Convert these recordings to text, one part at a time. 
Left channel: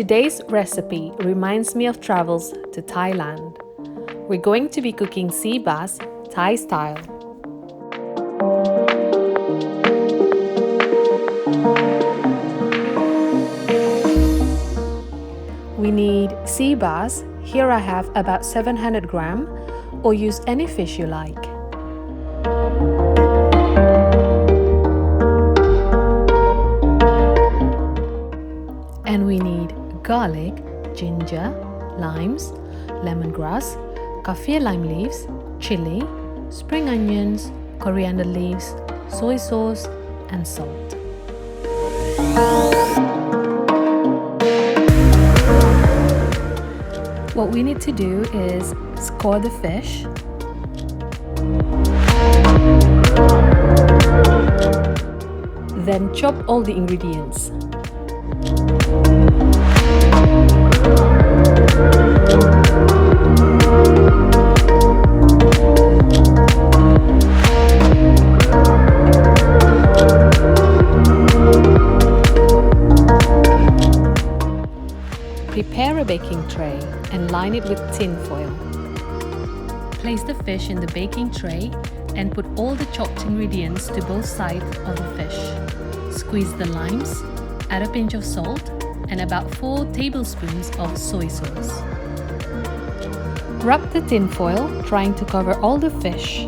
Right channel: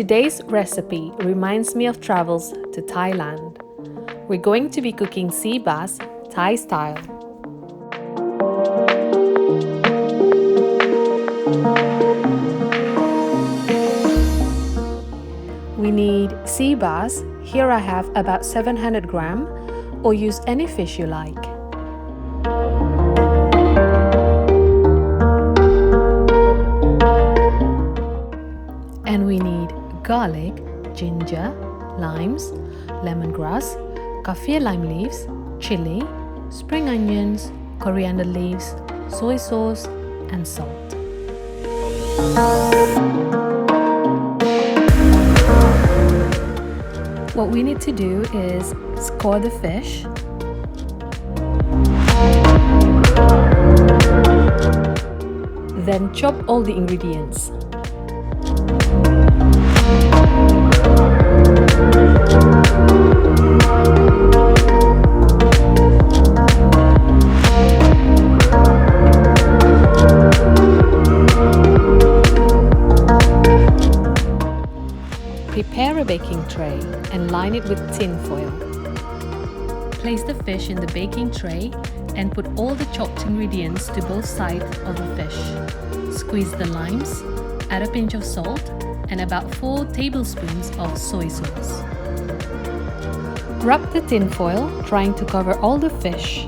Today's recipe reminds me of travels to Thailand. We're going to be cooking sea bass Thai style. We need sea bass. Here I have about 700 gram, or use any fish you like. And we need garlic, ginger, limes, lemongrass, Kaffir lime leaves, chili, spring onions, coriander leaves, soy sauce, and salt. What we need to do is score the fish, then chop all the ingredients. Prepare a baking tray and line it with tin foil. Place the fish in the baking tray and put all the chopped ingredients to both sides of the fish. Squeeze the limes, add a pinch of salt and about 4 tablespoons of soy sauce. Wrap the tin foil, trying to cover all the fish.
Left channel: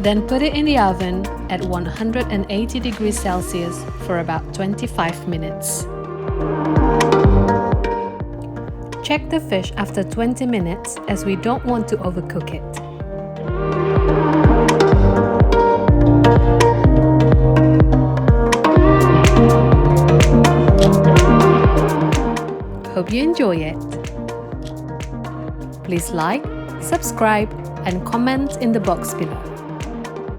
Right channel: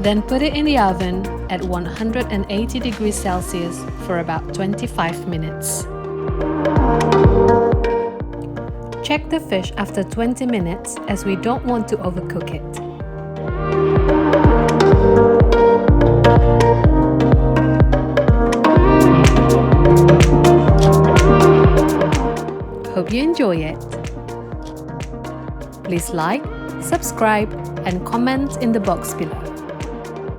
Then put it in the oven at 180 degrees Celsius for about 25 minutes. Check the fish after 20 minutes as we don't want to overcook it. Hope you enjoy it. Please like, subscribe, and comment in the box below.